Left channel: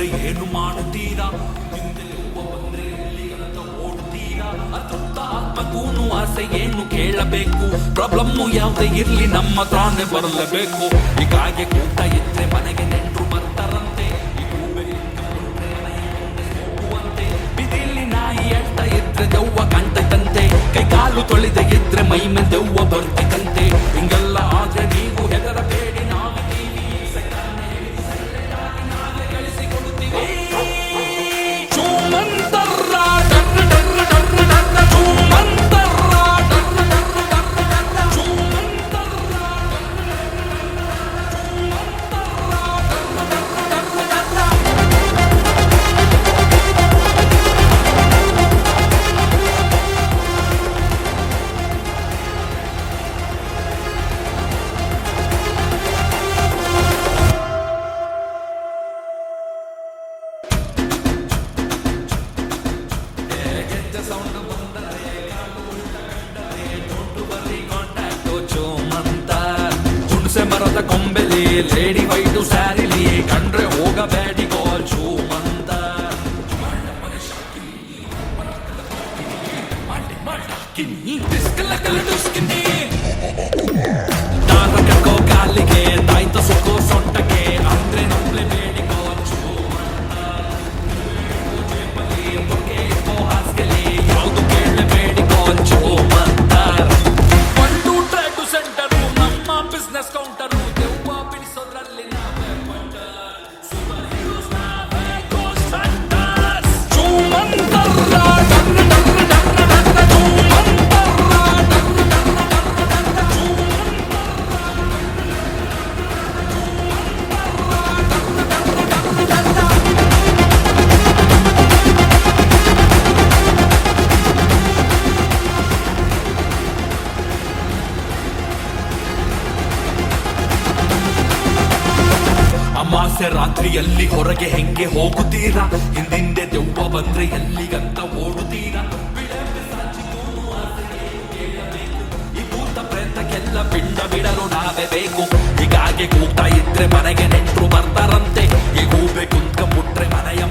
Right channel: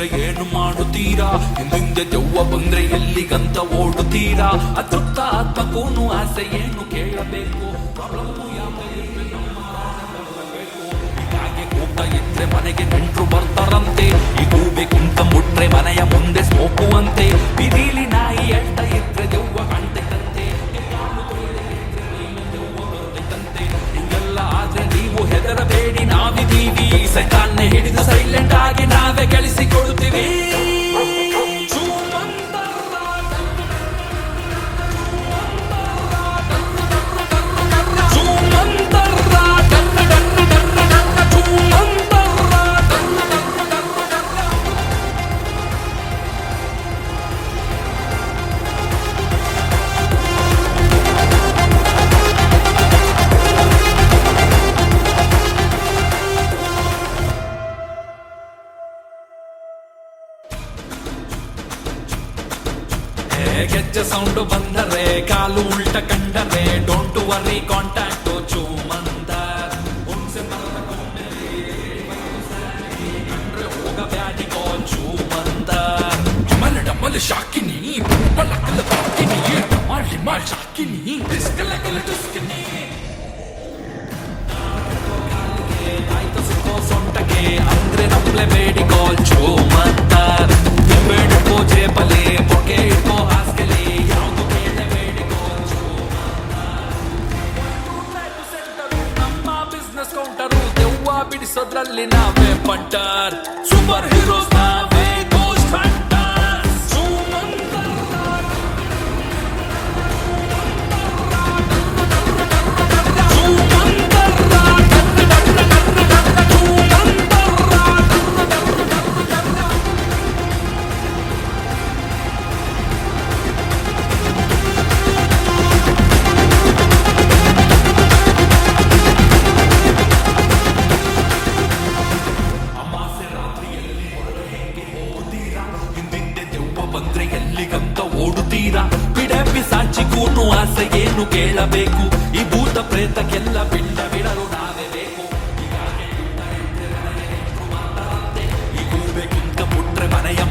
ಬಂದ್ರೆ ಏನು ಮಾಡುತ್ತೀರಾ? ಹಿಂದೆ ದೆವ್ವ ಬಂದ್ರೆ ಎಲ್ಲಿಗಂತ ಓಡುತ್ತೀರಾ? ಅತೃಪ್ತ ಆತ್ಮಕ್ಕೂನು ಆಸೆ ಏನು ಕೇಳಬೇಕು? ಪ್ರಾಬ್ಲಮ್ಮು ಯಾವ್ದೇ ಇರ್ಲಿ ನಮ್ಮ ತಾನೇ ಬರಲೇಬೇಕು. ಹೀಗಾಗಿ ಕೂಟ ಇದ್ರೆ ಮನೆಗೆ ನೆಂಟ್ರು ಬರ್ತಾರಂತೆ. ಈ ಗೂಬೆಗಿಂತ ಮುಟ್ರೆ ಮನೆಯ ಮುಂದೆ ಸ್ಮೋಕುವಂತೆ. ಬಿದಿಲಿ ನಾಯಿ ಅಟ್ಟ ಇದ್ರೆ ದೆವ್ವ ಕಾಣ್ತೈತಂತೆ. ಕೈ ಕಾಲು ತೊಳೆದ ಇದ್ರೆ ಮೈ ಮೇಲೆ ದೆವ್ವ ಬರ್ತಿದಂತೆ. ಹಿಂಗೆಲ್ಲ ಆದ್ರೆ ನೀವು ಹೆದರಬೇಡಿ, ನಾವಿದೀವಿ. ಸೈತಾನ್ನೇ ಹಿಡಿದು ಸೈಲೆಂಟ್ ಆಗಿ ನಾವೇ ಗಳಿಸಿಕೊಳ್ತೀವಿ. ಗೆಜ್ಜೆ ಸೌಂಡು ಬಂದರೆ ಕಾಲು ಉಲ್ಟ ಕಂಡರೆ ಡೋಂಟ್ ವರಿ ಕಾಂಟ್ಯಾಕ್ಟ್ ಚೂಮಂತ. ಹುಣಸೆ ಮರದ ಕೊಂಬೆಲಿ ಲೇಡಿ ವೈಟು ಸ್ಯಾರಿಲಿ ಕಂಡ್ರೆ ಹೋಗಬೇಡಿ ಗೋಲ್ ಚೂಮಂತ. ಡಮಲ್ ಡಮಲ್ ಶಾಕಿನಿ ಪಲಕಲ ಪಾಕಿನಿ ಡಮಾಲ್ ಡಿಮಾಲ್ ಶಾಕಿನಿ ಡಿಸ್ಕಲಕಲ ಡುಸ್ಕಿನಿ. ದಾರ ಕಕ್ಕೋ ಕಾಲಿಗೆ ತಾಯ್ತು ಸುಕ್ಕೋ ಸೊಂಟಗೆ ಅಂದ್ರೆ ನಂಬಲೇಬೇಡಿ ಗೋಲ್ ಚೂಮಂತ. ಬೇಡಕ್ಕೋ ಜೇಬಲಿ ಬೊಕ್ಕೆ ಇಟ್ಕೋ ಹಾಸ್ಗೆಲಿ ಯಾವುದು ಕೇಳಬೇಡಿ ಗೋಲ್ ಚೂಮಂತ. 1 2 ಟ್ರೈಬ್ ಸೆಂಟರು ನಮ್ಮ ಬಿಸ್ನೆಸ್ ಕೌಂಟರು. ದೆವ್ವ ಬಿಡಿಸೋದ್ರಲ್ಲಿ ನಾವೇ ಪಂಟರ್. ಸೂಪರ್ ಹೀರೋಸ್ ನಾವೇ ಗೋಸ್ಟ್ ಹಂಟರ್ಸ್. ಅಮಾವಾಸ್ಯೆ ರಾತ್ರಿಯಲ್ಲಿ ಹೊರಗೆ ಹೆಂಗೆ ಹೋಗುತ್ತೀರಾ? ಹಿಂದಿಂದೆ ದೆವ್ವ ಬಂದ್ರೆ ಎಲ್ಲಿಗಂತ ಓಡುತ್ತೀರಾ? ಬಿಡೆ ಪಿಸಾಚಿಗೂನು ಆಸೆ ಏನು ಕೇಳಬೇಕು? ಈ ಭೂತ ಪ್ರೇತಕ್ಕೆಲ್ಲ ಪಿಂಡ ಬಿಡಲು ನಾವೇ ಬೇಕು. ಹೀಗಾಗಿ ಕೂಟ ಇದ್ರೆ ಮನೆಗೆ ನೆಂಟ್ರು ಬರ್ತಾರಂತೆ. ಈ ಗೂಬೆ ಕುಂತ ಮುಟ್ರೆ ಮನೆಯ